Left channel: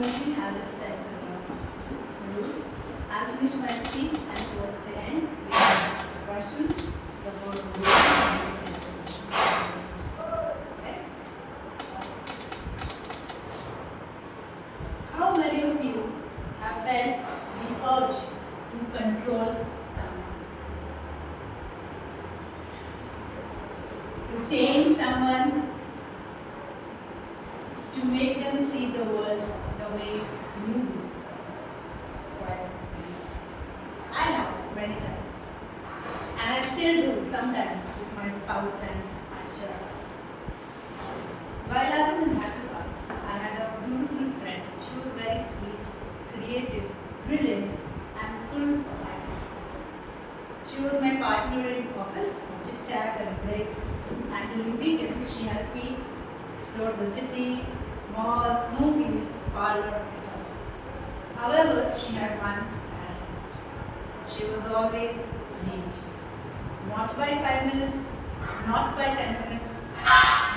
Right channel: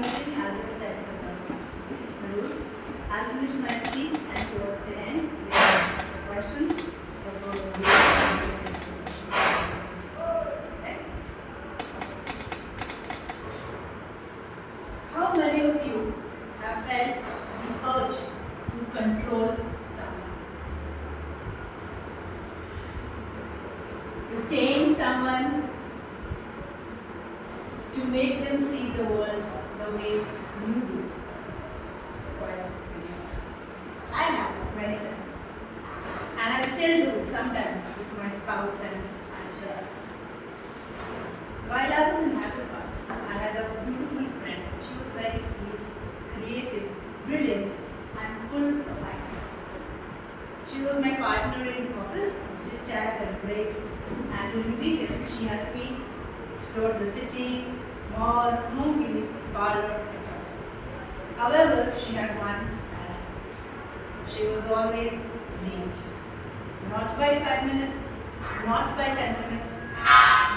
meeting, I'll just set the rules. I'll finish my speech, and towards the end, we have questions. The board will be right? How many of you have felt the urge to control someone? To change someone? To make them see the world the way you do? Quite many times. I have many times. And I still do sometimes with my spouse and my child. While I was in Hyderabad, I had a beautiful friend. She was very sweet, creative, brilliant, and full of ideas. She was my partner in office, chit chat and breaks, and during weekend she helped me explore the city, malls, movies, parlor, etc. However, she had one bad habit. She was always late. Not by 5 minutes, not by 10 minutes,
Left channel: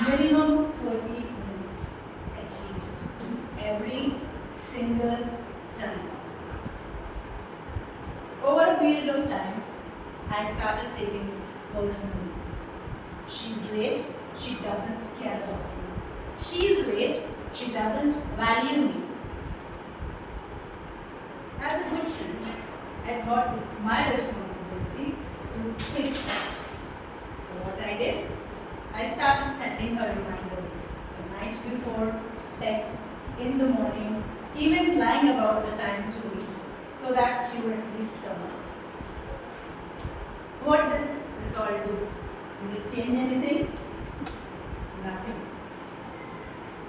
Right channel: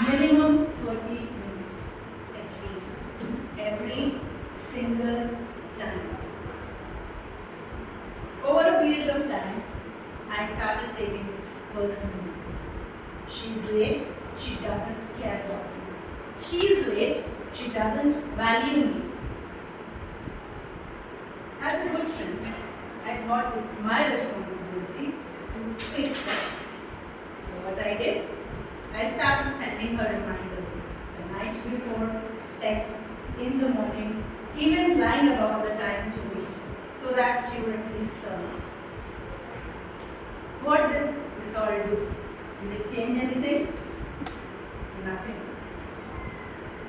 minimum 30 minutes at least, every single time. Over a period of time, I started taking it personally. She's late, she doesn't care about me. She's late, she doesn't value me. As a good friend, I thought it's my responsibility to fix it. So what I did, I started sending her reminders the night before, texts in the morning, even lying about the time to meet, so that she would at least come up. What did this all do? Did it change anything? Nothing.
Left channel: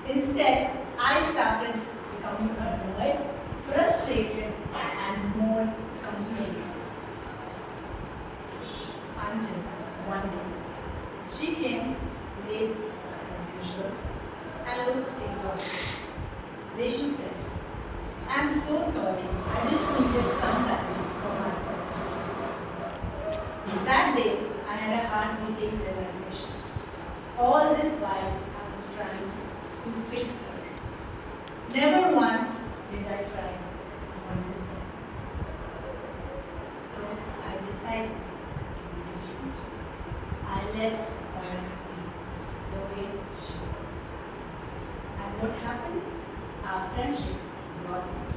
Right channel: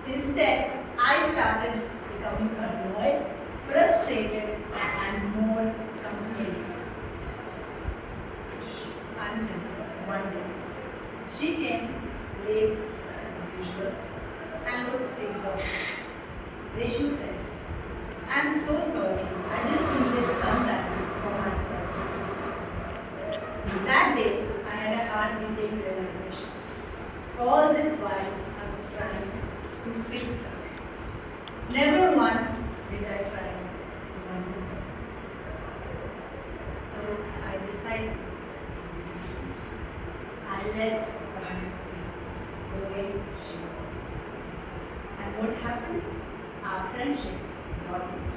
Instead, I started becoming annoyed, frustrated, and more complaining. Until one day, she came late as usual and looked exhausted. Reshu said, "I'm so sorry, I just needed some time for myself." That day, I had a heart-beating realization. All this while, I was trying to fix her. Never once did I try to understand. So I decided to be different. I let her be the way she was. And what happened? Our friendship blossomed.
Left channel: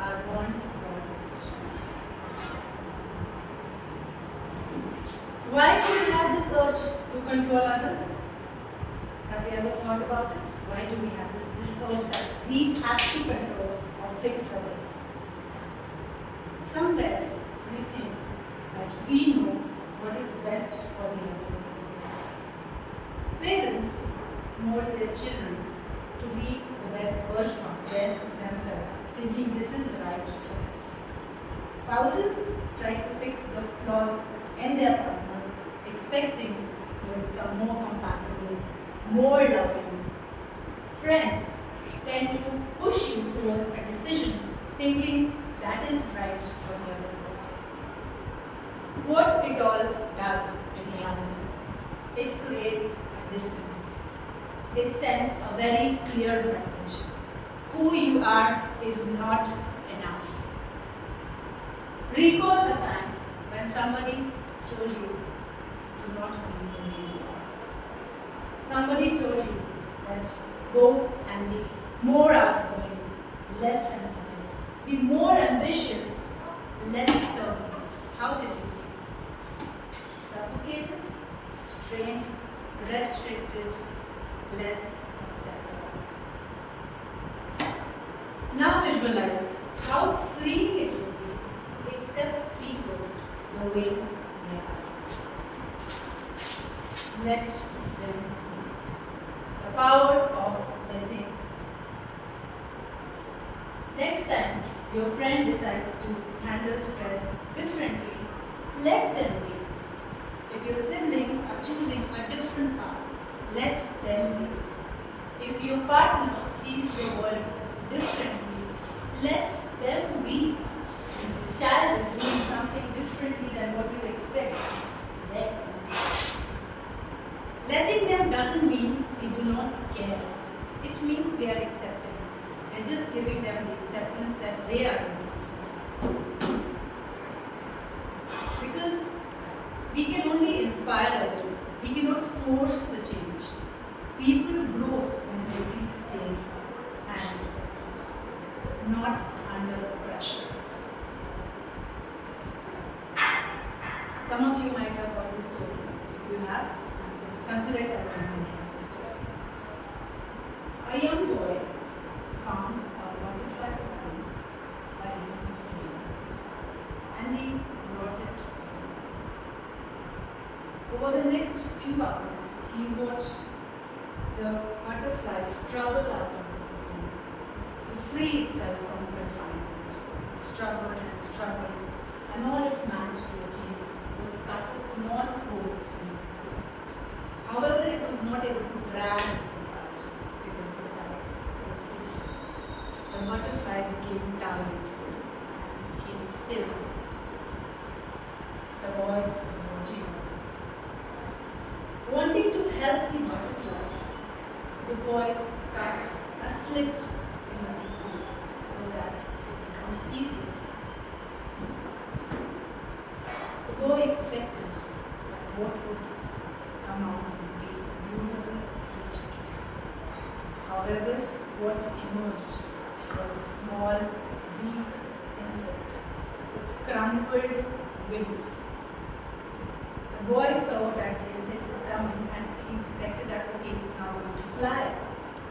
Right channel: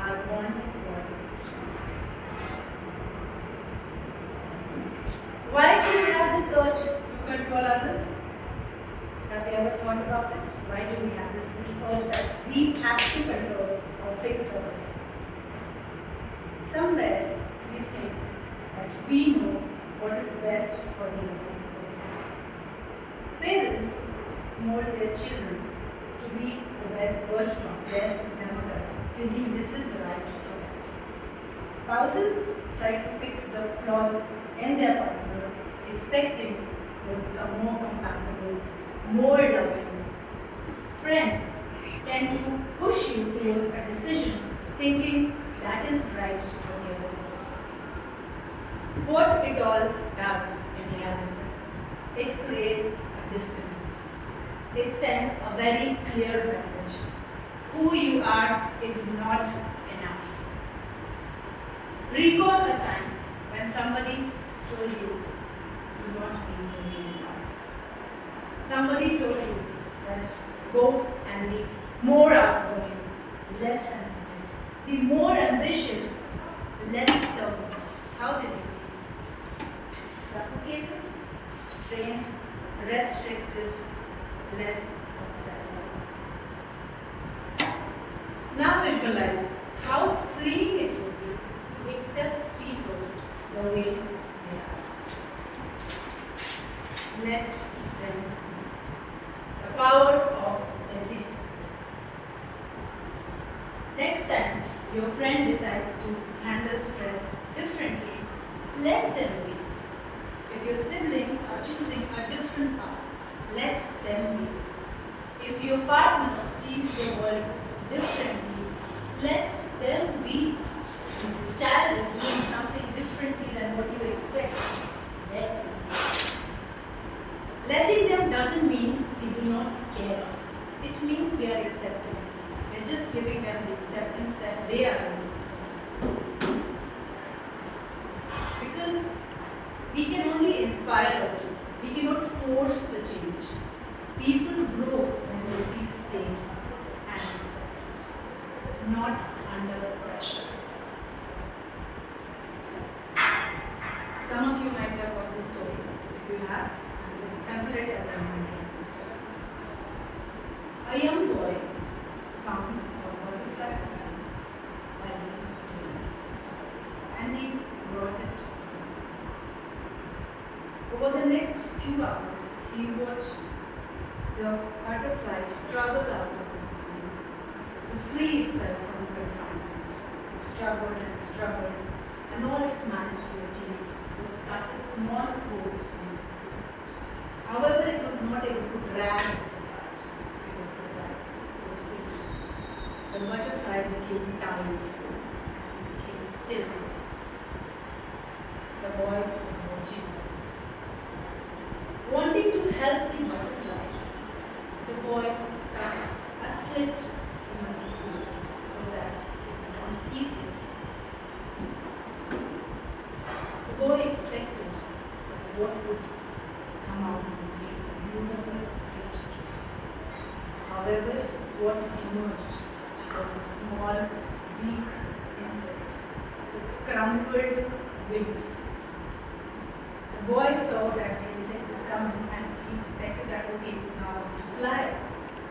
Our bond got strong. Why do we have this urge to control others? Have you ever thought about it? Why do we have this urge that we have to control or fix others? Somewhere we think that we know what is best for the other person. Parents mold their children to be the best version of themselves, thinking this is right for them. Spouses try to fix the flaws in their partners, expecting them to become more compatible, more loving. Friends tend to push you towards a decision, thinking that is right for the other person. What it all does in reality, it creates a distance. It sends a very clear message. Who you are is not enough. Recall a time when somebody told you to not be the way you are. Somebody told you that go and be more outgoing, less sensitive, be more ambitious, less stubborn. How did you feel? Suffocated, strained, restricted, less of self-worth. Now visualize how freeing it would be to accept people the way they are. Let them be. The power of letting. Next time your friend decides to handle stress differently, let them be. If your siblings are choosing a different path, let them be. If your partner sees the world differently, let them be. If the child is doing something differently than what you expect, let them be. Letting them doesn't mean we do not care. It means we are accepting. We We're just giving them the acceptance that they are looking for. Because we can only inspire others. We cannot force the change. People grow when they feel safe and accepted, not under pressure. Some of you might have heard this story. If you have, just consider it as a memory story. A young boy found a butterfly cocoon while he was playing, and he brought it home. Over the next few hours, he watched the butterfly struggle out of the cocoon to free itself from confinement. It struggled and struggled, and all it managed to achieve was cut a small hole in the cocoon. However, it was not able to drag itself out because the size was big. The butterfly became tired and became still. The boy was watching all this. Wanting to help the butterfly, the boy cut a slit in the cocoon so that it becomes easier. The boy expected that what would come out would be a beautiful creature. However, what emerged was a small, weak insect with crumpled wings. The boy saw that the insect is coming and he expected that okay, it's now going to fly.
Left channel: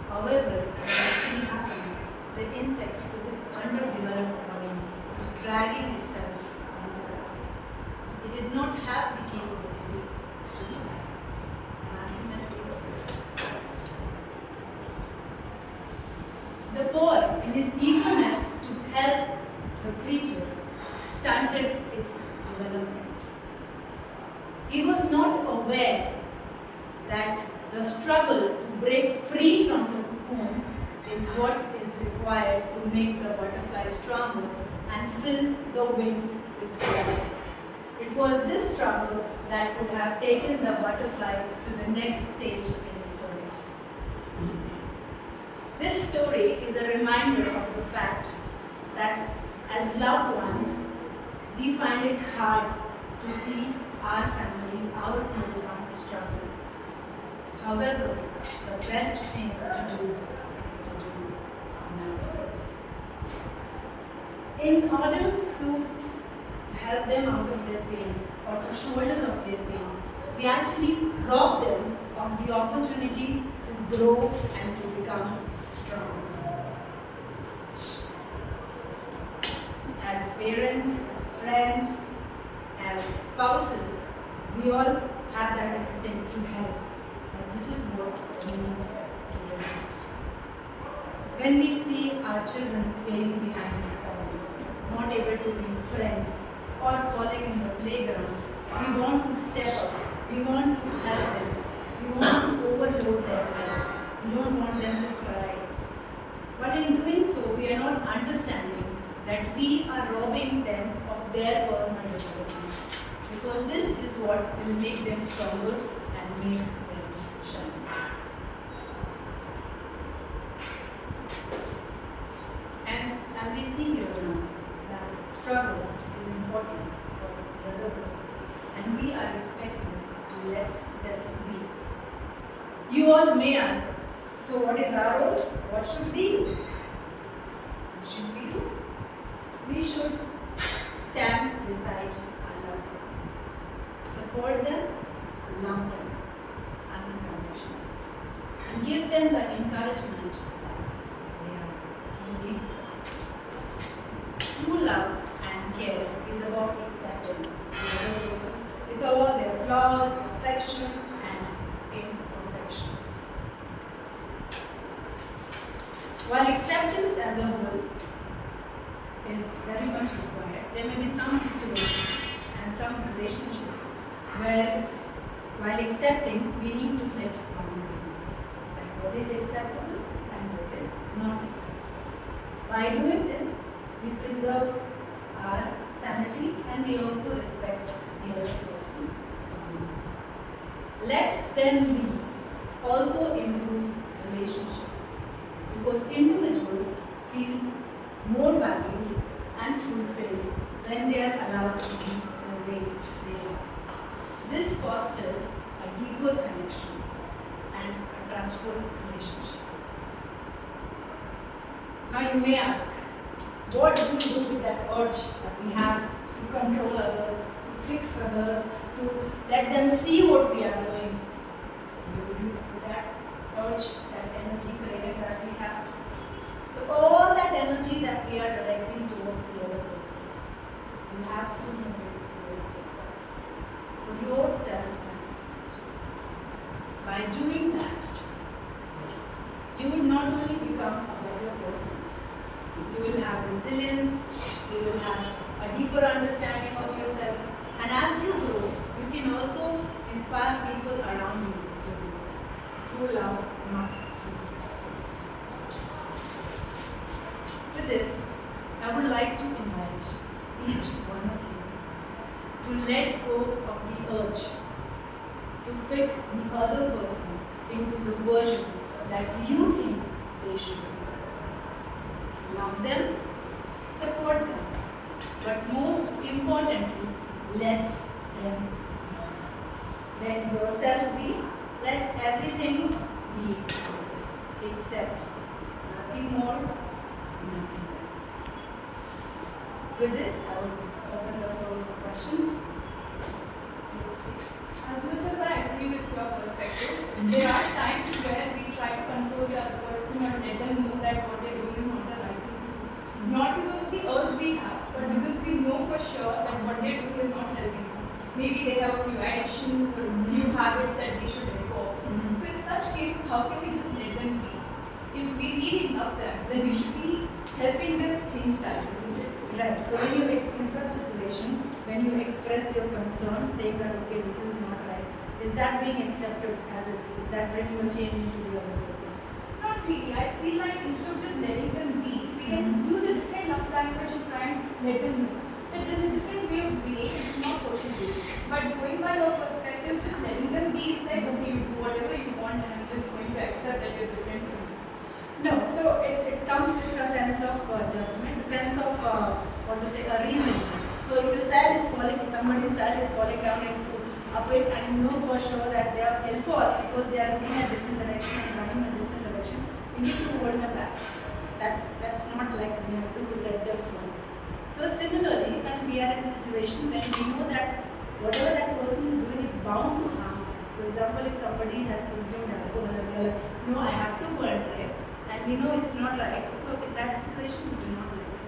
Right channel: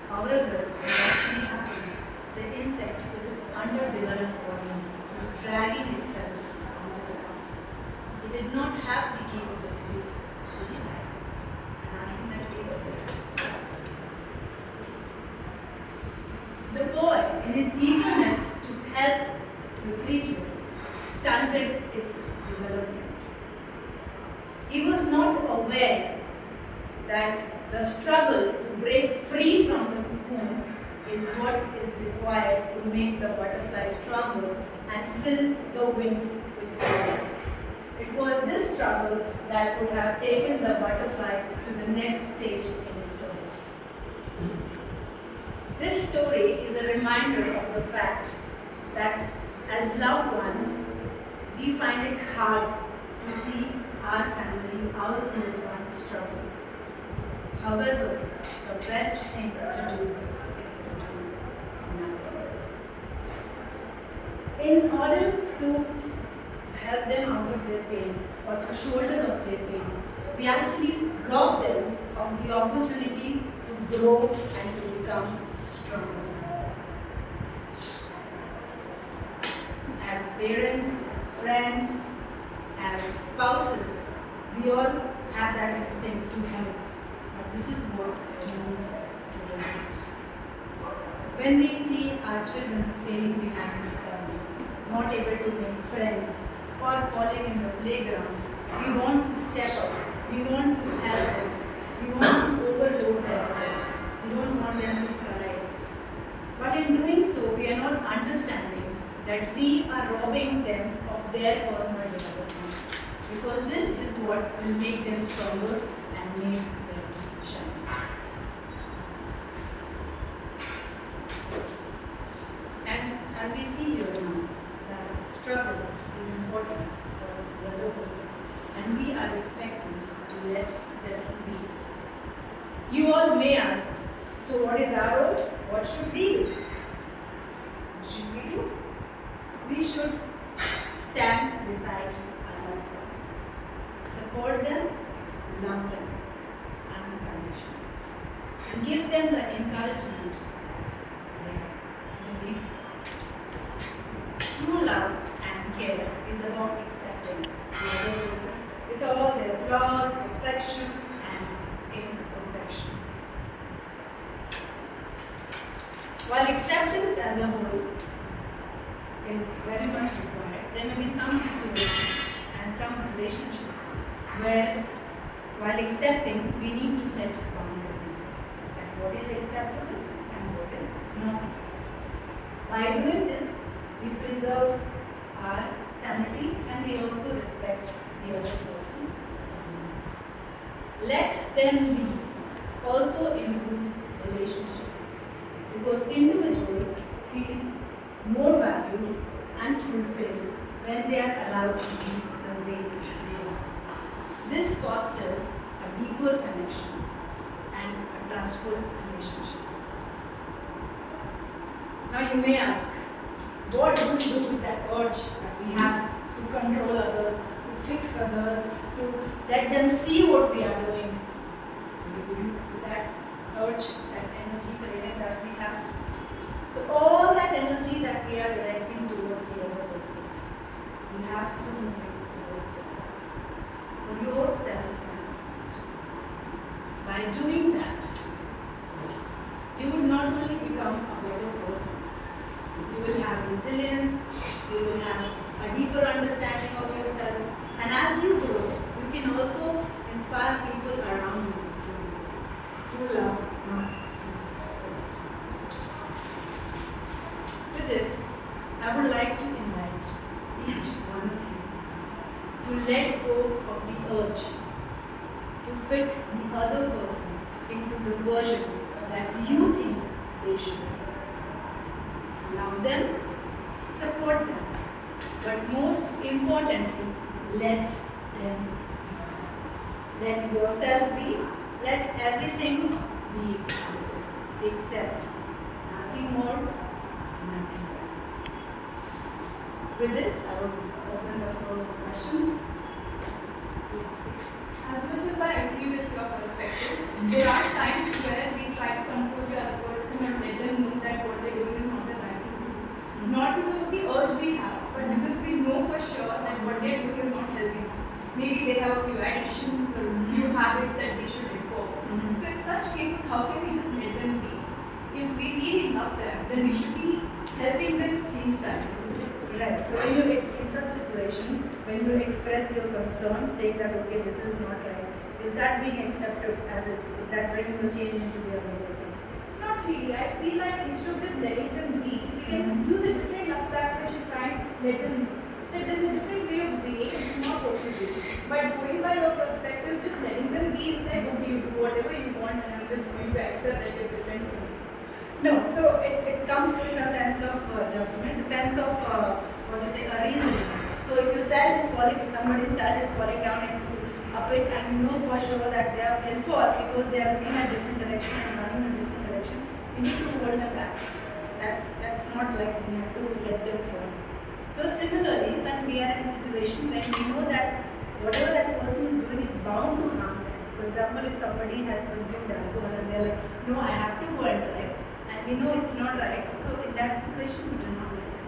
However, what actually happened, the insect with its underdeveloped body was dragging itself on the ground. It did not have the capability to fly, and ultimately the boy, in his eagerness to help the creature, stunted its development. He was not aware that the struggle to break free from the cocoon is what is required to make the butterfly stronger and fill the wings with air. It was this struggle that could have taken the butterfly to the next stage in its life. This story is a reminder of the fact that as loved ones, we find it hard to see our family, our close ones struggle. However, the best thing to do is to do nothing. In order to help them out of their pain or to shoulder of their pain, we actually rob them of the opportunity to grow and to become stronger. As parents, as friends, as spouses, we all have that instinct to help. But this is what we need to resist. When we see our children failing behind in studies, not able to make friends, or falling in the playground, we want to step up. We want to help them. We want to overload them. We don't want them to cry. But in doing so, we are not understanding that we are robbing them of their personal development. Because this is what will make them stronger and make them shine. And as we see here now, that struggle is important for the other person, and we are expected to let them be. You all may ask, so what is our role? What should we do? What should we do? We should stand beside our loved one, support them, love them unconditionally, and give them the encouragement that they are looking for. True love and care is about accepting the other person with all their flaws, perfections, and imperfections. While acceptance as a whole is very much required, there may be some situations and some relationships where, while accepting, we need to set boundaries. Like what is acceptable and what is not acceptable. By doing this, we preserve our sanity and we also respect the other person's boundary. Let them be also improves relationships, because individuals feel more valued and fulfilled when they are allowed to be the way they are. This fosters a deeper connections and a trustful relationship. Now you may ask, what do we do with that urge that we have to control others, to fix others, to let them see what we are doing? What do we do with that urge, that energy craving that we have? So all that energy that we are directing towards the other person, you have to move it towards yourself, for your self-enhancement. By doing that, you would not only become a better person, you will have resilience, you will have a deeper understanding of yourself, and as you grow, you can also inspire people around you to grow through love, not through force. With this, I would like to invite each one of you to let go of the urge to fit the other person into the version that you think they should be. Love them, support them, but most importantly, let them be. Let yourself be, let everything be as it is, except nothing more, nothing less. With this, I will open the floor for questions. Please. As much as I agree with your perspective, there are times where we try to control the other person or let them know that what they're doing is not the right thing to do. Not because of the urge we have, but because we know for sure that what they're doing is not helping them. Maybe they have a few addictions or a few habits that they should let go of. So in such cases, how can we just let them be? If we really love them, then we should be helping them change that. Right. So when you, in such situation, when you express your concern, saying that okay, this is not right, is that being accepted as is? Is that bringing a change into the other person? Not really. I feel like instead of just letting them be, we can use a different love language and try and let them know that there's a different way of being. It's not what you do. But going by your perspective, just letting them be is like okay, you do whatever you want, and I'm just going to accept that they're different from you. No, so it comes with a sense of judgment, a sense of what to say, a reasoning. So if your child is falling, if somebody's child is falling down into a pit, and you know for sure that they'll fall because they are looking at different direction and running in different direction, you need to hold them back. That's not like we have to let them fall. So similarly, when we are in a situation when we know that whatever that person is doing is bound to harm them. So example, if somebody has consumed alcohol and they're like, no, I have to go and drive, and we know it's not right, so in that situation we do not let them.